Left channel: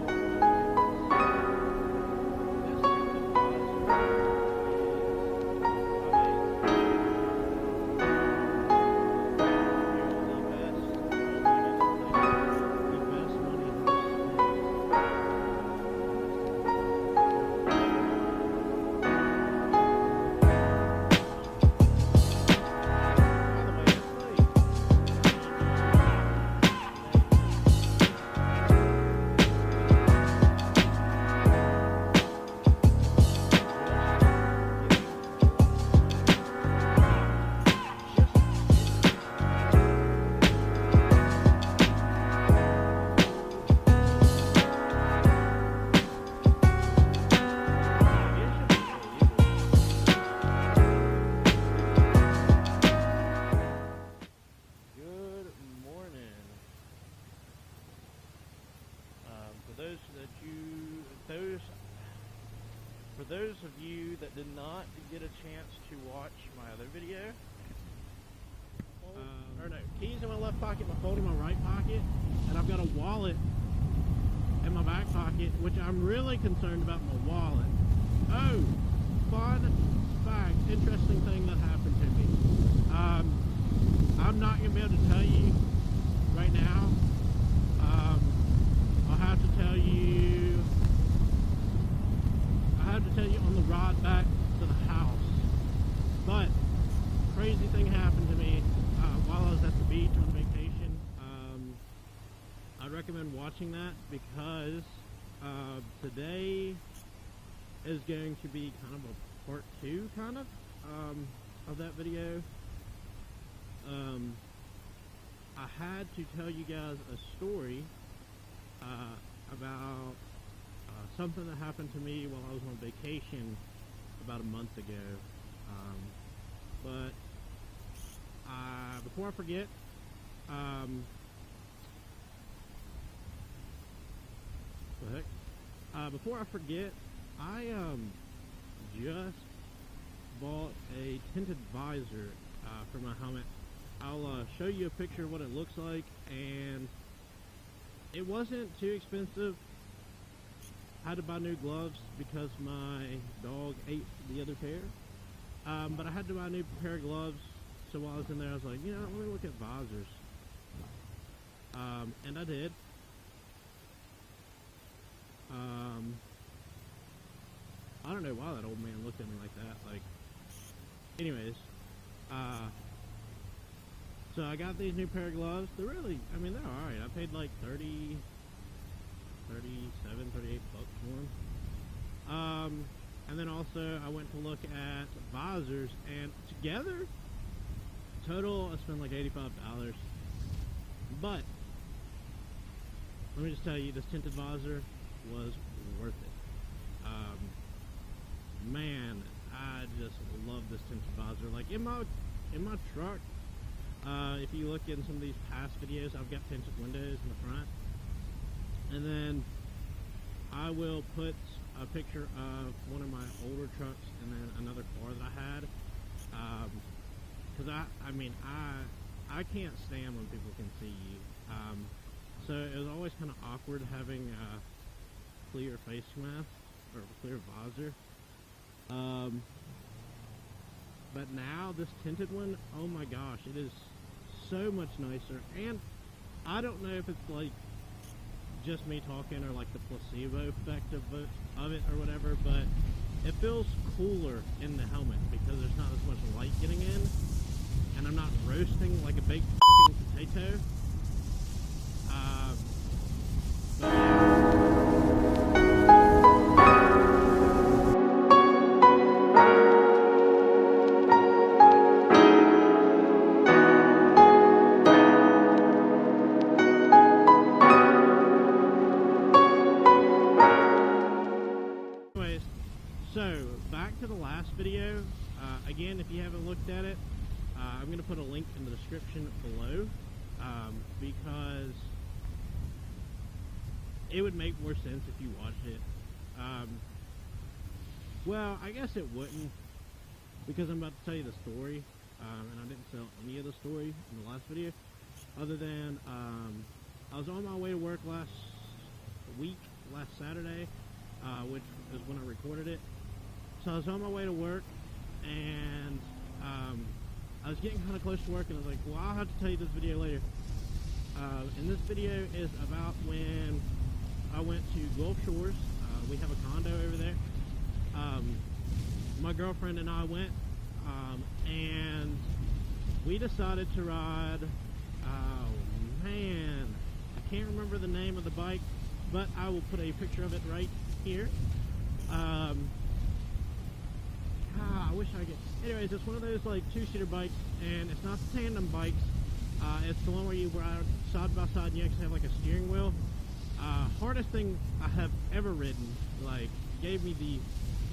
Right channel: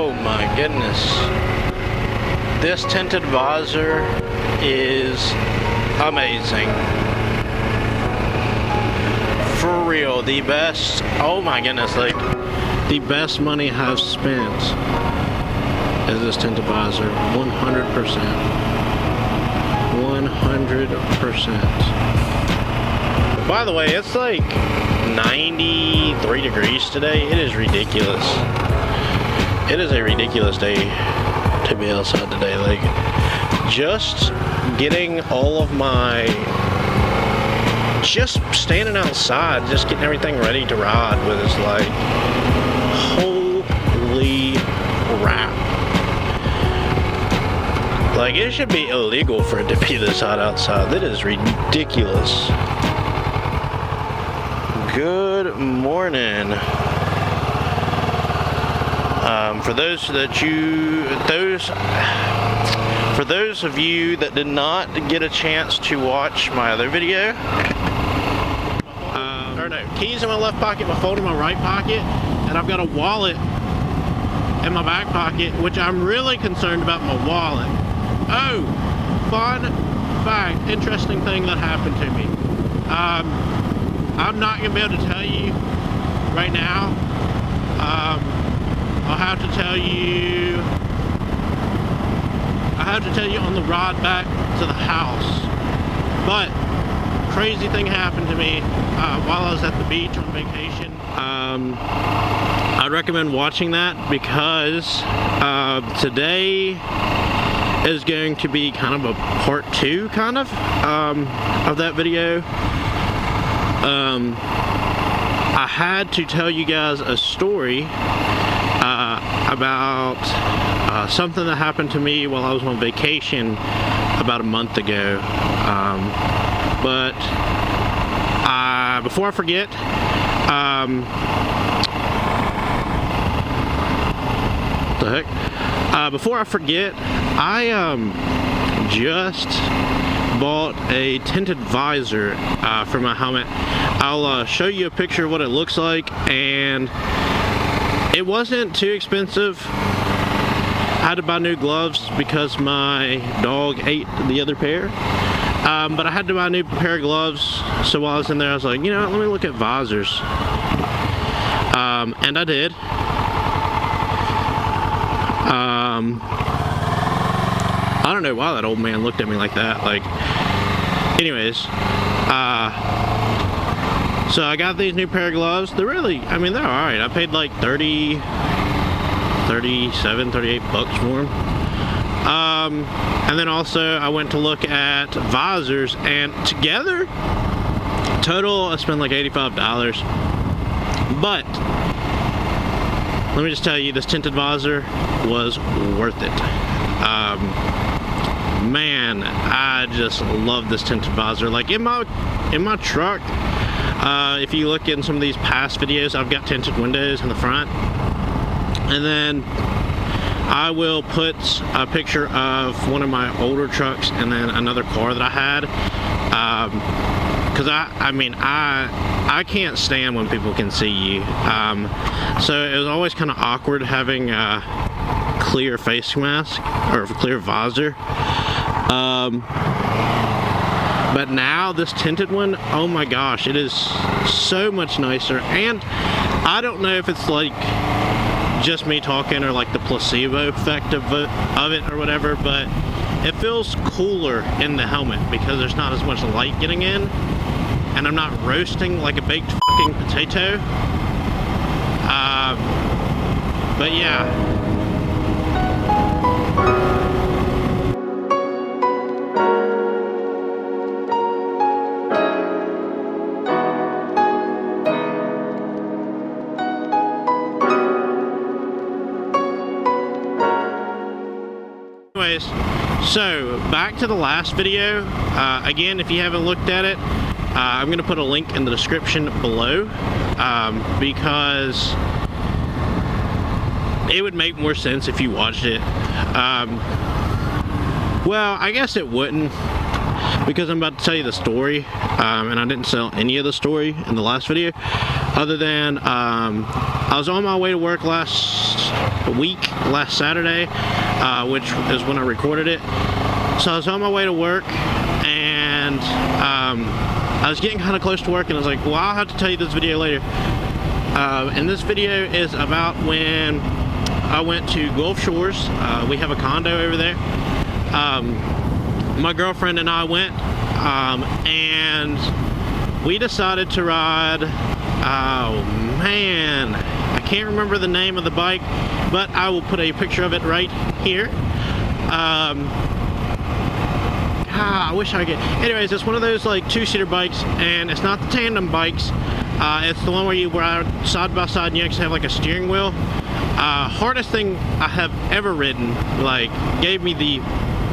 Oh my goodness. This tinted visor is amazing. For real, the best, oh my goodness, like the best money I've spent is this tinted visor. 100%. 100%. By the way, it's like 93 degrees today. It is ridiculous. It is a ridiculous day to be outside today. Like, just getting all of my, just standing outside, just getting everything ready to ride with is like, holy crap. Like, it should be illegal for it to be this hot outside. That is ridiculous. Good morning. For those of you that did not get a chance to watch my other video, or no, keys in my left pocket, my phone in my right pocket, and I've got a wallet in my back pocket, which I'm really concerned about my wallet. Oh, fun fact, interesting thing that happened to me. I'm not gonna be able to tell you right now. I'll have to tell you on the ride back to the house. But crazy thing happened to me while I was at the beach on vacation. I'd recommend watching that because today is going to be kind of a part 2 kind of that video. I had to tell you guys a story about something that happened to me while I was on vacation about a month ago. But before I forget, before I forget, I just bought a tinted visor for my helmet. I'll show you a picture of what it looks like, and it wasn't too expensive. I had to buy new gloves because my dog ate the other pair, but I had to buy a new pair of gloves. So while I was in there, I was like, you know what, let me look at visors, and I did. I don't know why that old man looked at me like that. Like, anyways, so I got these new pair of gloves. They're really, I mean, they're alright. I paid like 37, 38 bucks for them. And then also I went to look at visors, and together, total, I spent like $85. But let me just tell you, this tinted visor was worth it. Man, I just love this tinted visor. Like, in my truck, if you look in some of these past videos, I've got tinted windows in the front, and then I will put a picture of one of my older trucks and then another car that I had, because I can't stand when people can see you, so it was always kind of awkward having a clear face mask or a clear visor. But now this tinted one, oh my gosh, it is so much nicer. And I don't know if it's like just me talking or like the placebo effect of it or whatever, but it feels cooler in the helmet because there's not as much light getting in, and I'm not roasting like a baked fucking potato. But yeah. So back to the last video. Again, if you haven't looked at it, I'm going to put a link in the description below, because it would make more sense if you watched it. Well, I guess it wouldn't, because I'm about to tell you the story, and I didn't tell any of the story in the last video, other than I was on my way to work last last week, last Saturday, which is when I recorded it. So I was on my way to work, and I was getting kind of close to work, and I was like, well, I'll have to tell you this video later. And this video is about when I went to Gulf Shores. We have a condo over there. My girlfriend and I went, and we decided to ride, oh man, I can't remember the name of the bike, but I will put a picture of it right here. I wish I could. Anyways, it's one of those like two-seater bikes, and it's not the tandem bikes. It's the one where you ride side by side and you actually have like a steering wheel. Hardest thing I have ever ridden, like gave me the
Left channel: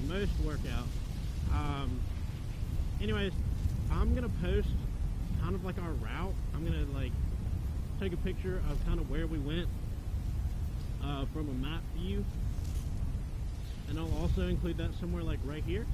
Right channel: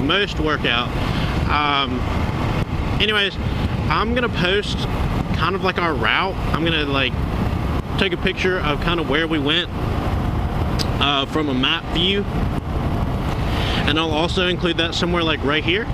most workout. Anyways, I'm gonna post kind of like our route. I'm gonna like take a picture of kind of where we went from a map view, and I'll also include that somewhere like right here.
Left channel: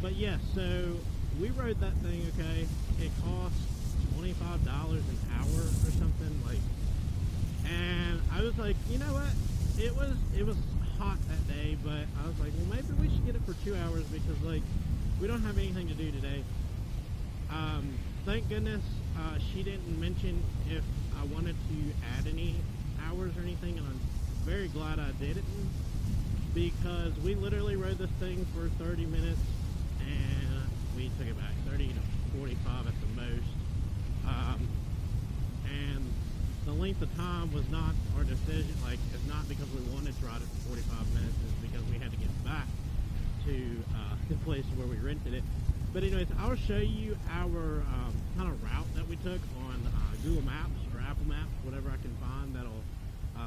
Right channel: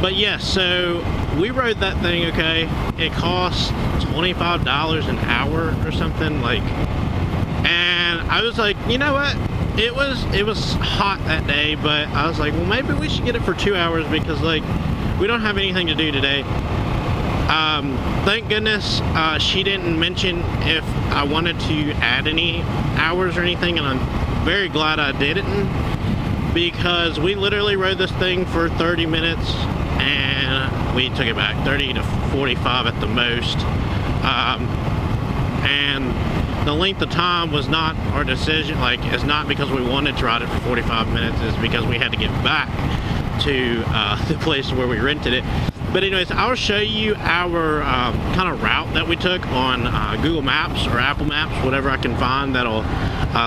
But yeah, so we rode that thing, okay? It cost $25 an hour or something, like, and I was like, you know what? It was hot that day, but I was like, well, maybe we should get it for 2 hours because like we don't have anything to do today. Thank goodness she didn't mention if I wanted to add any hours or anything, and I'm very glad I didn't, because we literally rode this thing for 30 minutes and we took it back 30 to 45 at the most. And the length of time was not our decision. Like, it's not because we wanted to ride it for 45 minutes, it's because we had to get back to the place where we rented it. But anyways, I'll show you our kind of route that we took on Google Maps or Apple Maps, whatever I can find that'll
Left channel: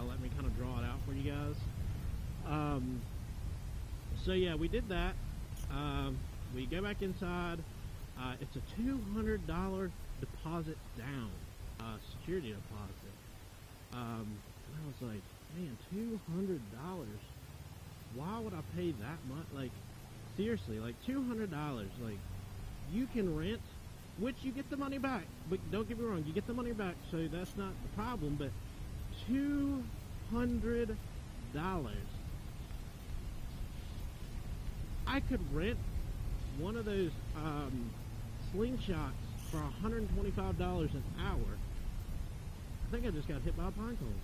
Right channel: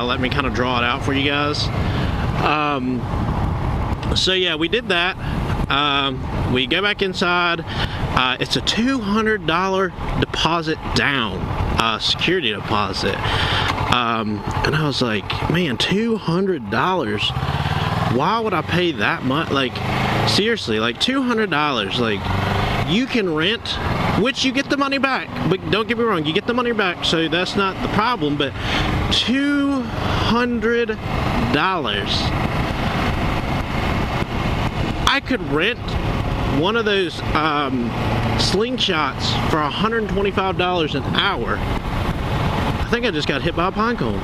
let me kind of draw it out for you guys. So yeah, we did that. We go back inside. It's a $200 deposit down, security deposit. And I was like, man, $200. Why would I pay that much? Like, seriously, like $200. Like, you can rent, which you get the money back, but don't get me wrong, you get the money back, so that's not the problem. But $200, I could rent one of those slingshots for $125 an hour. I think I just got hit by a pine cone.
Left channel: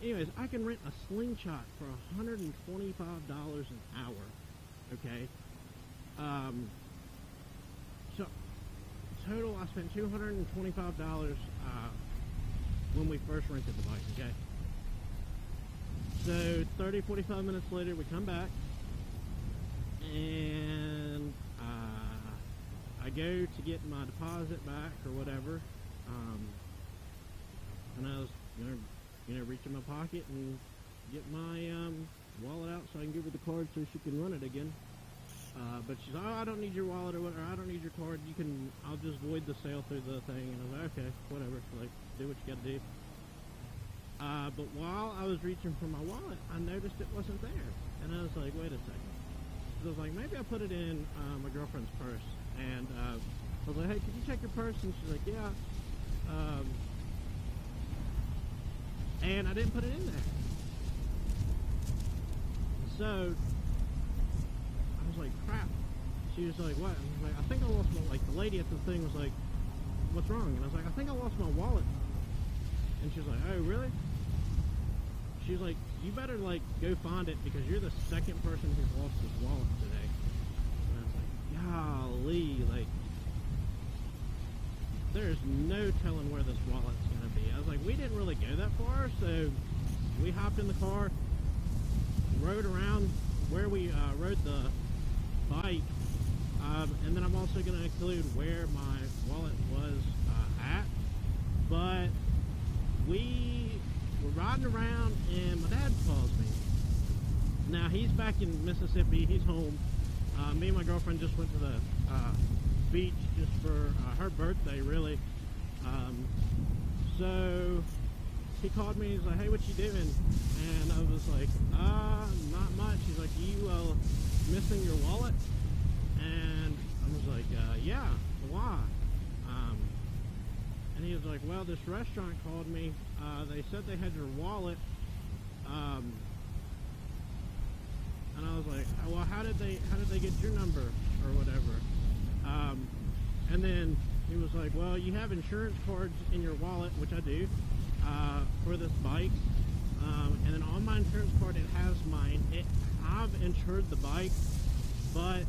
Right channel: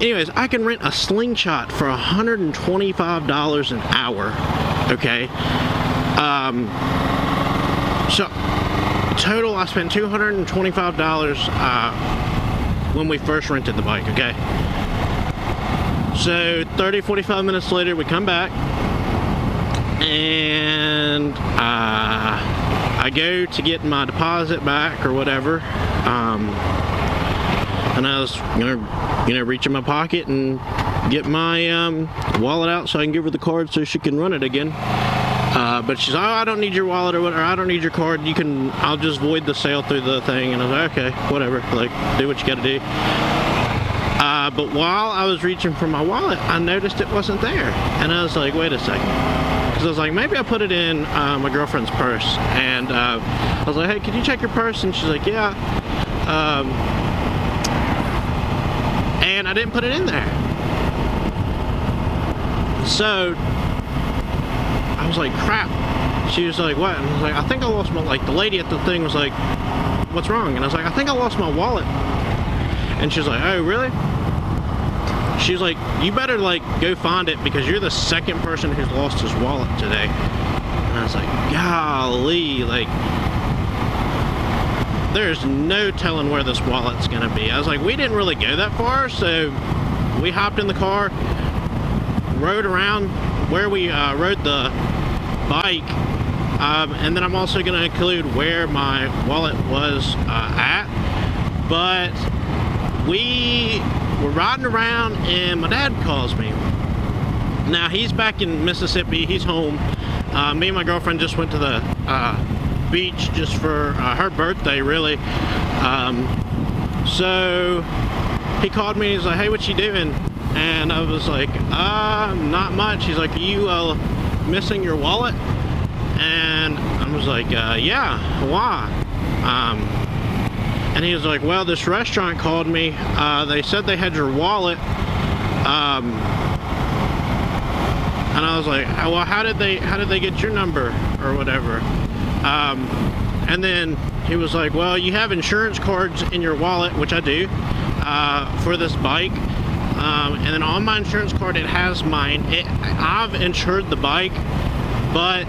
Anyways, I can rent a slingshot for $125 an hour, okay? So, total, I spent $225 when we first rented the bike, okay? So, 30, 45 minutes later, we come back, and I go to get my deposit back or whatever, and I was gonna, reach in my pocket and get my wallet out so I can give her the card so she can run it again. But she's like, oh, I don't need your wallet or whatever, I don't need your card, I'll just void the sale through the thing. And I was like, okay, whatever, like, do what you gotta do. But while I was reaching for my wallet, I noticed it wasn't there. And I was like, wait a second. Because I was like, maybe I put it in my girlfriend's purse. And I was like, hey, can you check your purse? And she's like, yeah. And I didn't put it in there. So I was like, crap. She was like, what? And I was like, I think I lost my, like, the lady at the thing was like, what's wrong? And I was like, I think I lost my wallet. And she was like, oh, really? She was like, you better, like, go find it because you're the second person who's lost his wallet today. And I was like, golly, like, there's no telling where this wallet's gonna be. I was like, we didn't really go that far, so we hopped in the car, rode around where we rode the bike, and then I'm also gonna include where my wallet was at. But we were riding around and my dad calls me. Now he's back in Mississippi, he's home. Me and my girlfriend just went to the beach just for her birthday, really. So he called me, he's like, hey, what you doing? And I was like, not much. He's like, are you missing your wallet? And I was like, yeah, why? And he was like, well, this restaurant called me. They said they had your wallet. And I was like, well, how did they get your number or whatever? And then he was like, well, you have insurance cards in your wallet, which I do, for this bike. And then on my insurance card, it has mine. I've insured the bike, but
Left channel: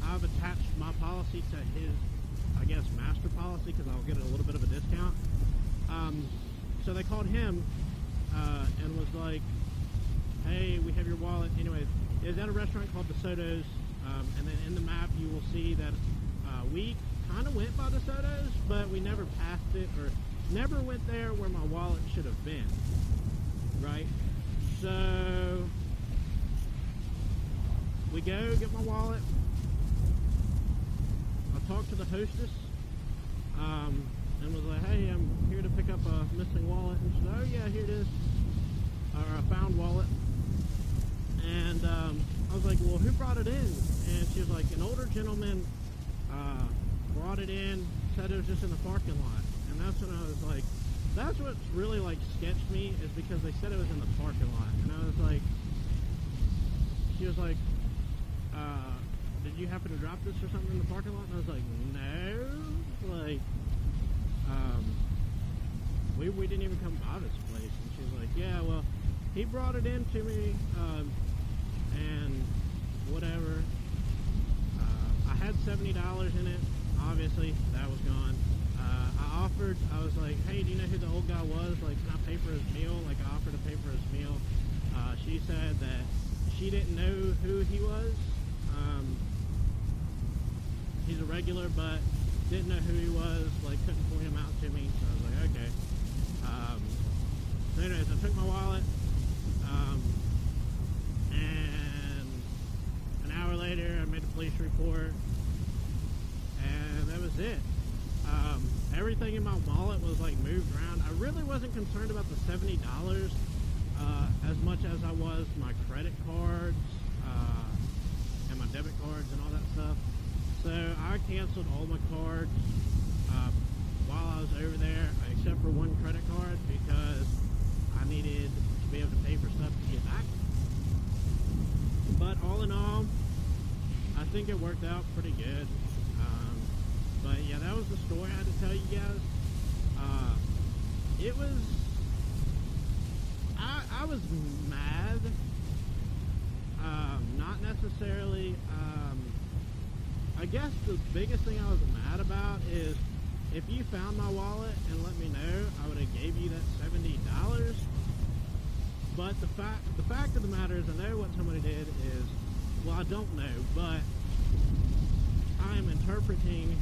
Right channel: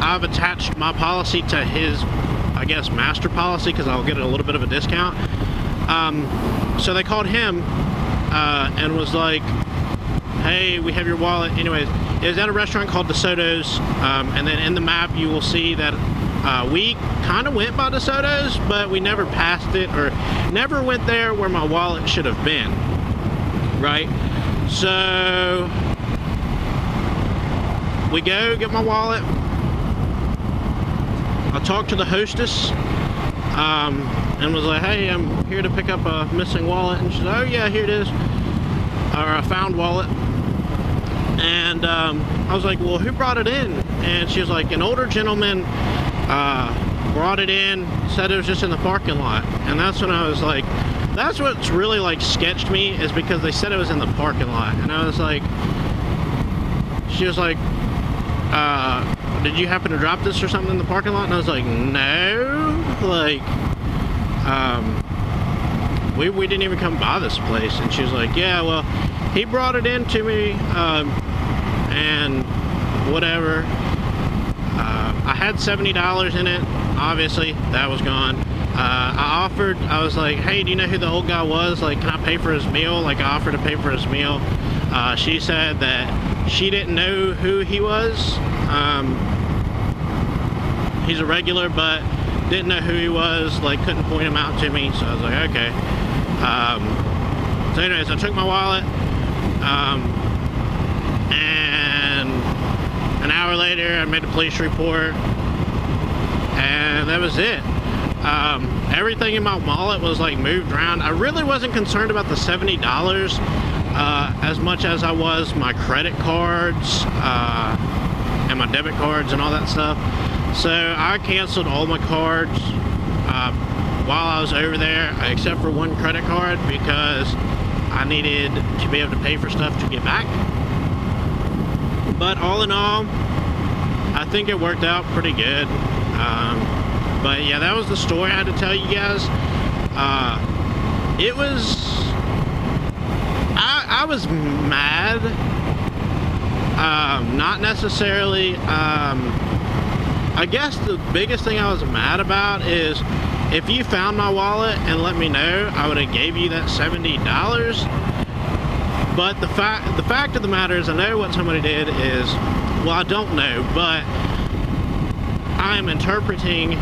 I've attached my policy to his, I guess, master policy, because I'll get a little bit of a discount. So they called him and was like, hey, we have your wallet. Anyways, it was at a restaurant called DeSoto's, and then in the map you will see that we kind of went by DeSoto's, but we never passed it, or never went there where my wallet should have been, right? So we go get my wallet. I talked to the hostess and was like, hey, I'm here to pick up a missing wallet. And she's like, oh yeah, here it is, or a found wallet. And I was like, well, who brought it in? And she was like, an older gentleman brought it in, said it was just in the parking lot. And that's when I was like, that's what's really like sketched me, is because they said it was in the parking lot. And I was like, she was like, did you happen to drop this or something in the parking lot? And I was like, no, like, we didn't even come by this place. And she was like, yeah, well, he brought it in to me, and whatever. I had $70 in it. Obviously, that was gone. I was like, hey, do you know who the old guy was? Like, can I pay for his meal? Like, I offered to pay for his meal. She said that she didn't know who he was. He's a regular, but didn't know who he was. Like, couldn't point him out to me. So I was like, okay. So anyways, I took my wallet. And an hour later I made a police report, and that was it. Everything in my wallet was like moved around. I really wasn't concerned about the $70 as much as I was my credit cards and my debit cards and all that stuff. So I canceled all my cards while I was over there, except for one credit card, because I needed to be able to pay for stuff to get back. But all in all, I think it worked out pretty good. But yeah, that was the story I had to tell you guys. It was, I was mad. Not necessarily, I guess the biggest thing I was mad about is, if you found my wallet and let me know, I would have gave you that $70. But the fact of the matter is, I know what somebody did is, well, I don't know, but I'm interpreting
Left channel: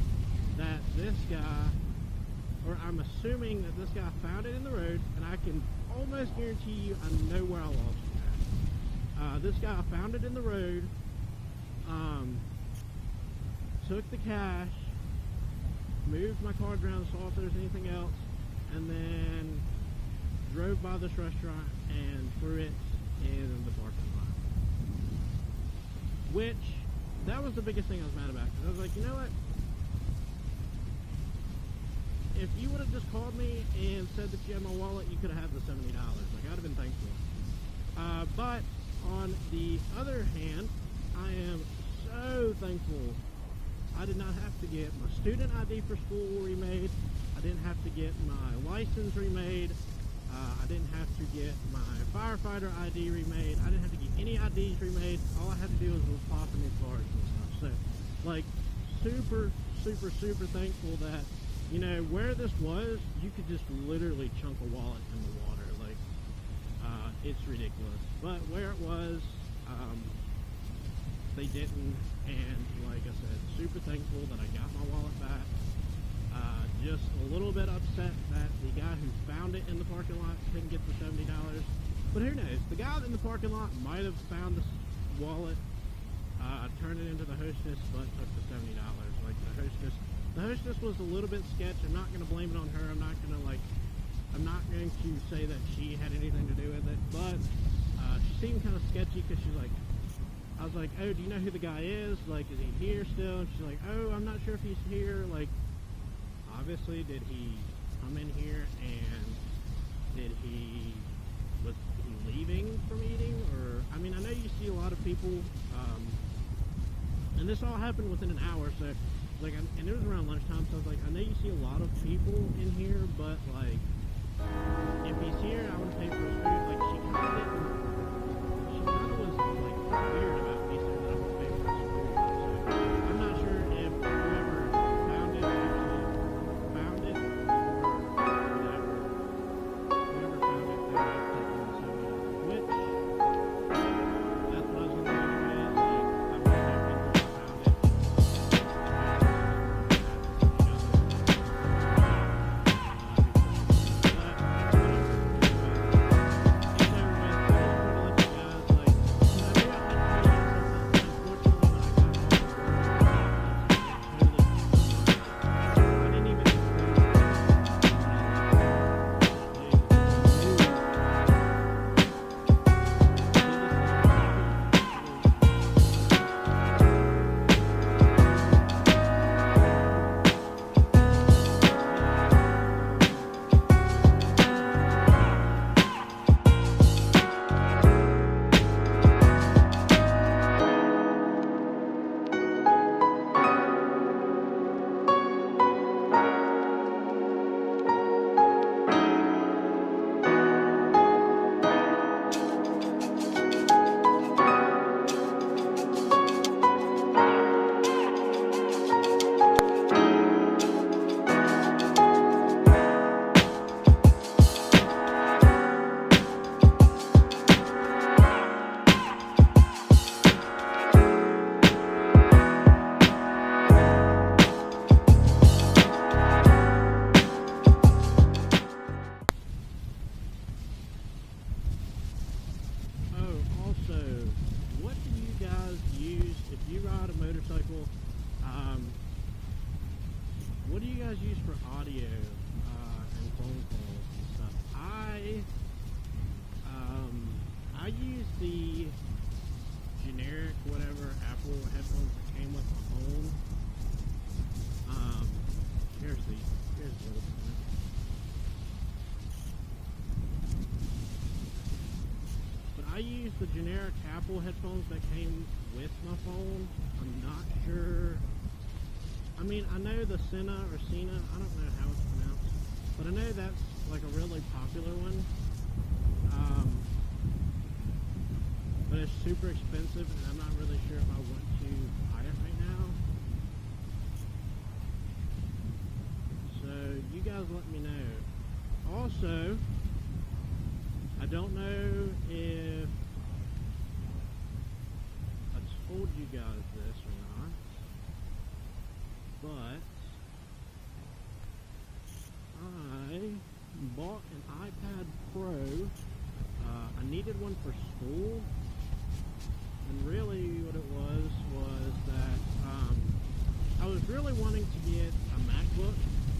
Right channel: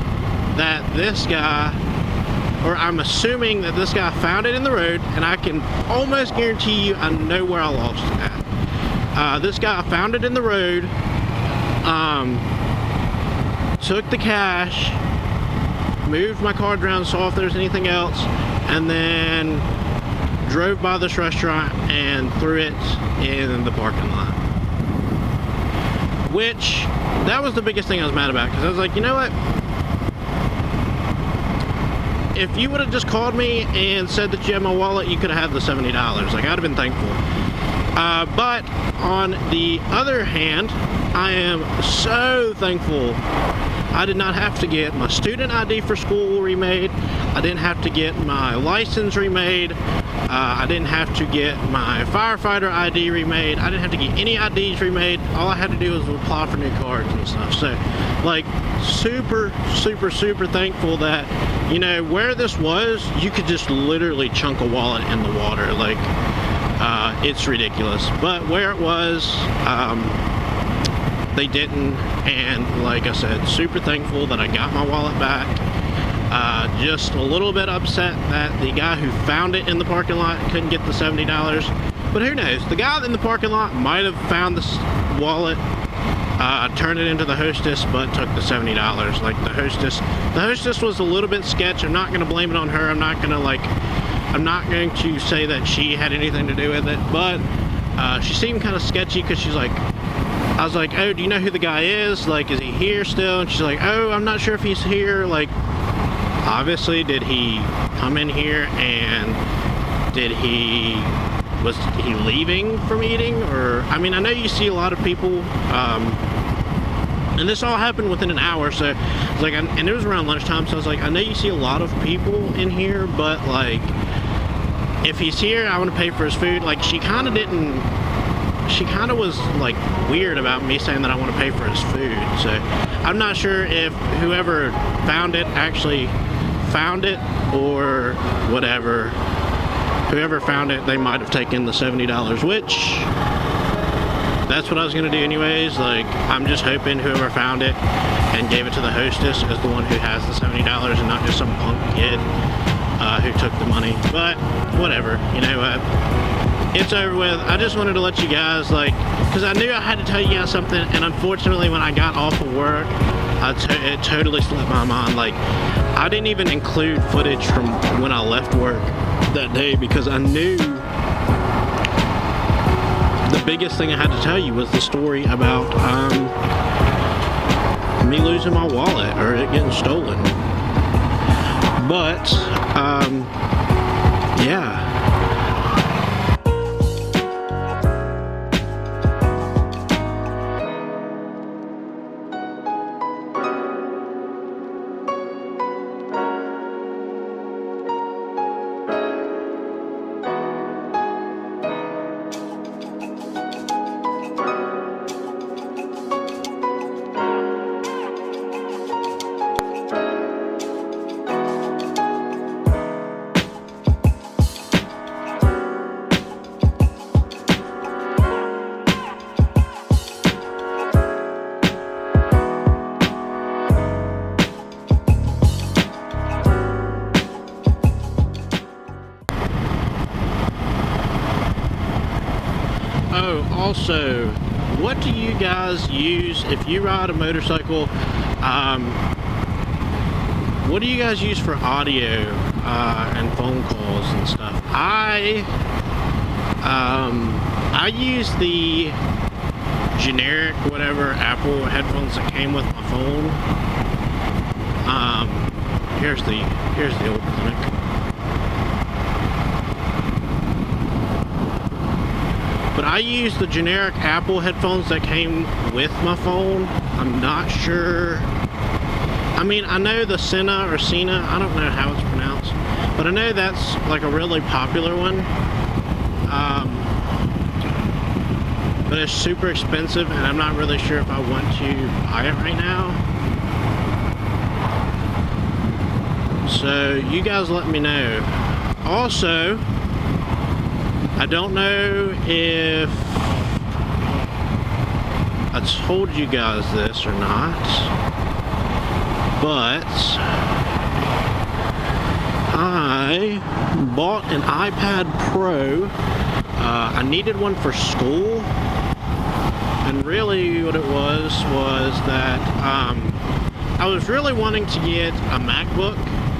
that this guy, or I'm assuming that this guy found it in the road, and I can almost guarantee you I know where I lost it at. This guy found it in the road, took the cash, moved my card around, saw if there's anything else, and then drove by this restaurant and threw it in the parking lot. Which, that was the biggest thing I was mad about, because I was like, you know what? If you would have just called me and said that you had my wallet, you could have had the $70. Like, I'd have been thankful. But on the other hand, I am so thankful I did not have to get my student ID for school remade. I didn't have to get my license remade. I didn't have to get my firefighter ID remade. I didn't have to get any IDs remade. All I had to do was apply for new cards and stuff. So, like, super, super, super thankful that, you know, where this was, you could just literally chunk a wallet in the water. Like, it's ridiculous. But where it was, they didn't, and like I said, super thankful that I got my wallet back. Just a little bit upset that the guy who found it in the parking lot couldn't get the $70, but who knows, the guy in the parking lot might have found this wallet, turned it into the hostess, but took the $70. Like, the hostess was a little bit sketch. I'm not going to blame it on her. I'm not going to say that she had anything to do with it, but she seemed kind of sketchy, because she's like, I was like, oh, do you know who the guy is? Like, is he here still? And she's like, oh, I'm not sure if he's here. Like, obviously, did he come in here and was he leaving from eating? Or, I mean, I know you see a lot of people, and this all happened within an hour, so it's like, and it was around lunchtime, so I was like, I know you see a lot of people in here, but like, if he's here, I want to pay for his food. Like, she kind of was like weird about me saying that I want to pay for his food. So I'm not sure if whoever found it actually found it or whatever. Whoever found it, they might have taken the $70, which that's what I was gonna do anyways. Like, I'm just hoping whoever found it and gave it to the hostess is the one who has the $70 and not just some punk kid who took the money. But whatever, you know what? It's over with. I just wanted to let you guys, like, because I knew I had to tell you guys something, and unfortunately when I got off of work, it totally slipped my mind. Like, I didn't even include footage from when I left work that day because I knew the biggest thing I had to tell you was the story about me losing my wallet or it getting stolen. But yeah. Oh, also, what do you guys use if you ride a motorcycle? What do you guys use for audio and phone calls and stuff? I use the generic whatever Apple headphones that came with my phone. Here's the old clinic. But I use the generic Apple headphones that came with my phone. I'm not sure. I mean, I know the Sena or Sena, I don't know how it's pronounced, but I know that's like a really popular one. But it's super expensive and I'm not really sure if I want to buy it right now. So you guys let me know. Also, I don't know if I told you guys this or not, but I bought an iPad Pro. I needed one for school, and really what it was that I was really wanting to get a MacBook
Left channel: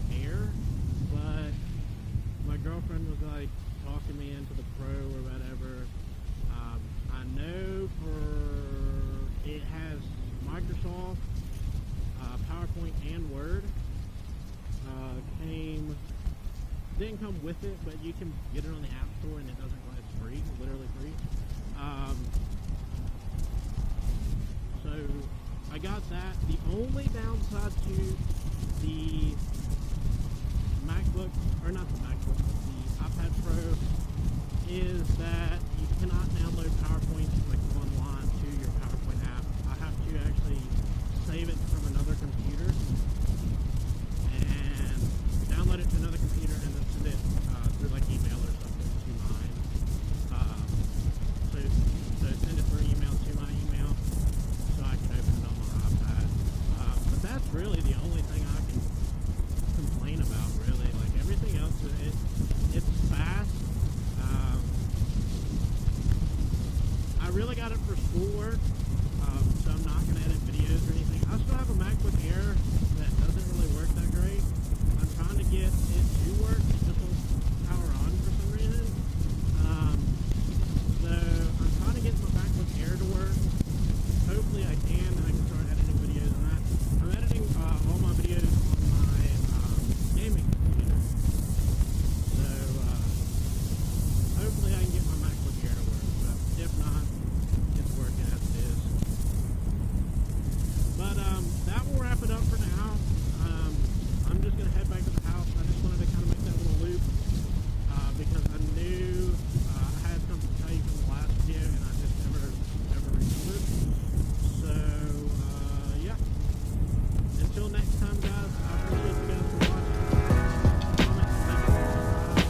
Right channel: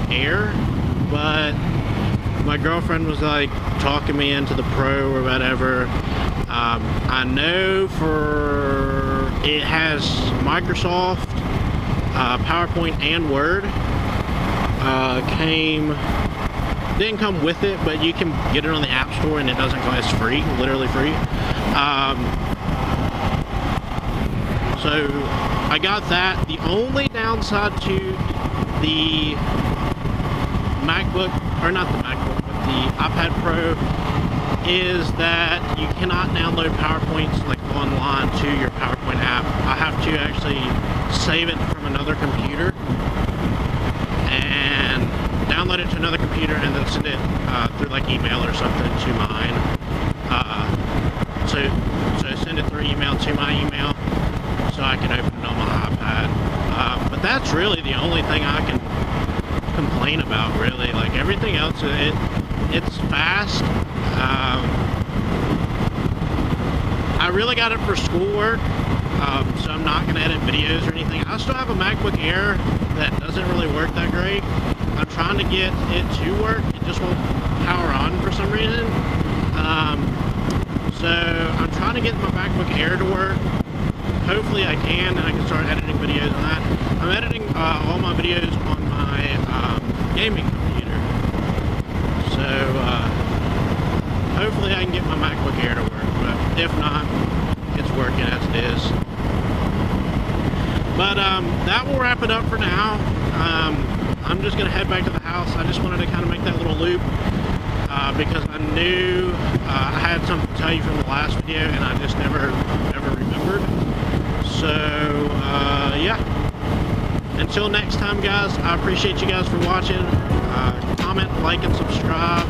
Air, but my girlfriend was like talking me into the Pro or whatever. I know it has Microsoft, PowerPoint, and Word. Didn't come with it, but you can get it on the App Store and it doesn't cost. It's free, literally free. So I got that. The only downside to the MacBook, or not the MacBook, but the iPad Pro, is that you cannot download PowerPoints like online to your PowerPoint app. I have to actually save it from another computer and download it to another computer and then send it through like email or something to mine. So send it through email to my email so I can open it on my iPad. But that's really the only thing I can complain about, really. Like everything else, it's fast. I really got it for schoolwork, so I'm not going to edit videos or anything. I still have a MacBook Air that doesn't really work that great. I'm trying to get it to work. It just won't power on for some reason. So I'm trying to get my MacBook Air to work. Hopefully I can, and I can start editing videos on that. I'm editing all my videos on my gaming computer. So hopefully I can get my MacBook Air to work, but if not, it's working as it is. But that will wrap it up for now. I'm just gonna head back to the house. I just wanted to kind of make that little loop because I knew I had something to tell you from the last video and I just never remembered. So yeah, until next time guys, I appreciate you guys for watching. Comment, like, and subscribe.